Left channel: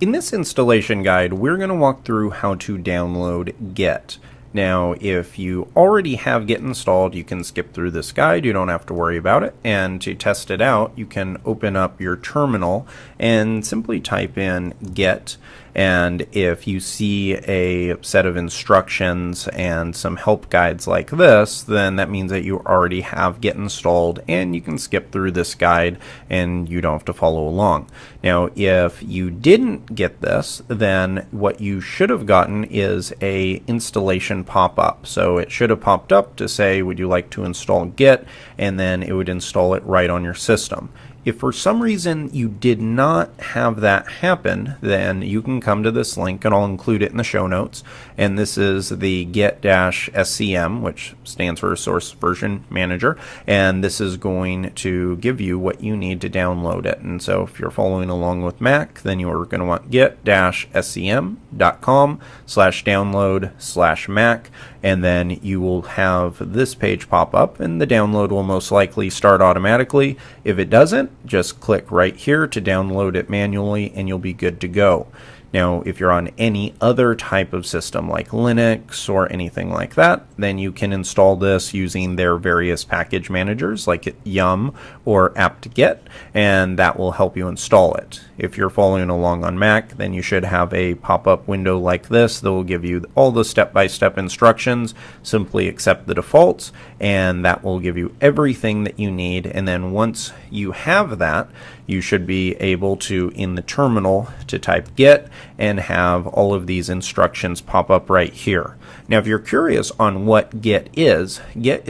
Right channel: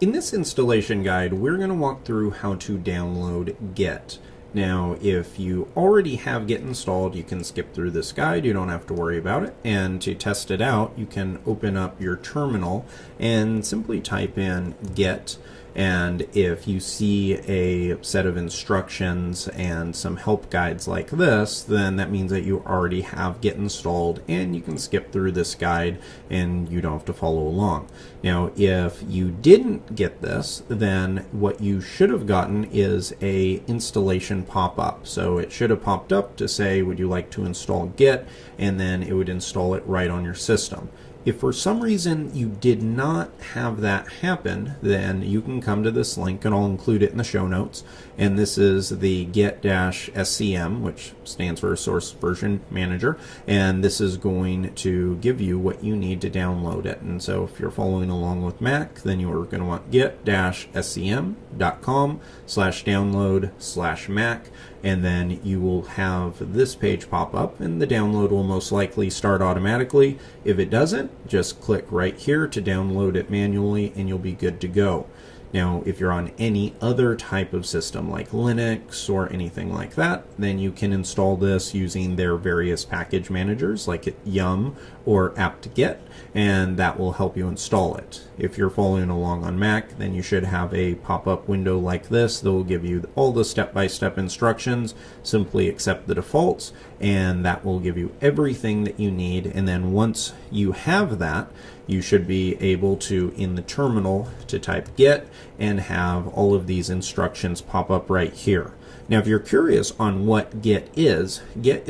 In this installation guide, we're going to walk through how to download Git. Now, if you already have Git installed, you can skip through this guide. You don't have to worry about it. And to test it out, you can open up your terminal and simply type in Git. And if you see a set of instructions and some help guides like this, then that means that you already have Git installed and you can skip through this guide and you don't have to follow along. Now, if you didn't get this, then what you should have gotten is a installation pop-up. So it should have popped up to say, would you like to install Git? And then it would install it right on your system. If for some reason you did not have that happen, then you can come to this link, and I'll include it in the show notes. And this is the Git-SCM, which stands for Source Version Manager. And this is going to give you what you need to download it. And so if you're following along with Mac, then you're going to want git-scm.com/download/Mac. And then you will have this page pop up, and the download will most likely start automatically. If it doesn't, just click right here to download it manually, and you'll be good to go. Now, if you're on any other type of system like Linux or anything like that, then you can install this using their various package managers like Yum or apt-get, and that will help you install it. If you're following along on Mac, then you should have a pop-up window like this that will give you all the step-by-step instructions. Simply accept the defaults, and that will give you everything that you need. And then once you have that, you should be able to, in the terminal, to type Git and have all of these instructions pop up right here. Now, if you're curious on what Git is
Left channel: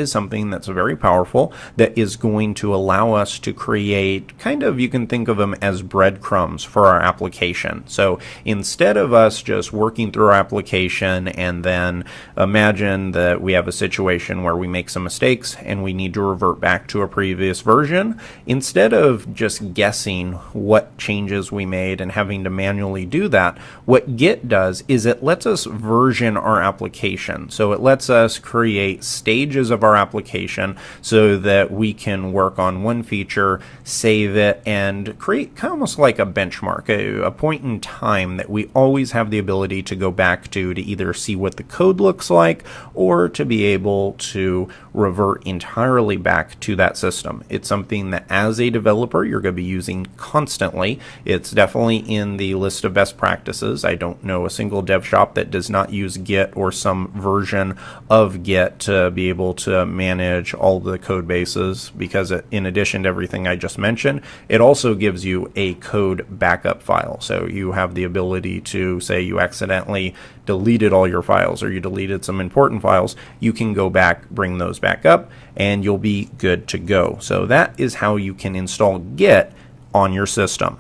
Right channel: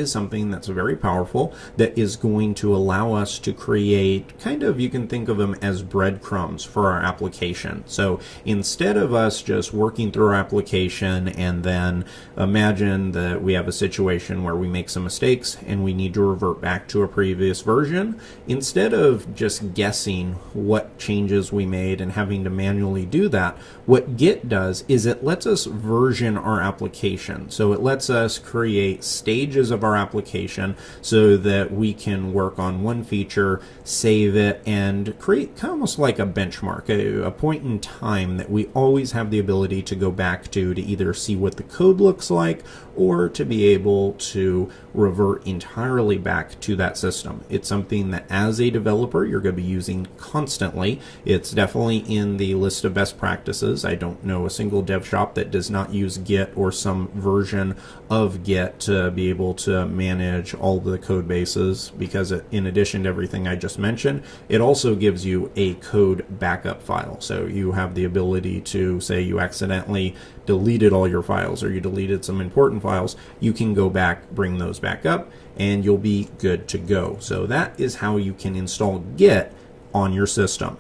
something that's very powerful that is going to allow us to create kind of, you can think of them as breadcrumbs for our application. So instead of us just working through our application and then imagine that we have a situation where we make some mistakes and we need to revert back to a previous version, instead of just guessing what changes we made and having to manually do that, what Git does is it lets us version our application. So it lets us create stages of our application so that we can work on one feature, save it, and create kind of almost like a benchmark, a point in time that we always have the ability to go back to either see what the code looks like or to be able to revert entirely back to that system. It's something that as a developer you're going to be using constantly. It's definitely in the list of best practices. I don't know a single dev shop that does not use Git or some version of Git to be able to manage all the code bases, because in addition to everything I just mentioned, it also gives you a code backup file. So you have the ability to, say you accidentally deleted all your files or you deleted some important files, you can go back, bring those back up, and you'll be good to go. So that is how you can install Git on your system.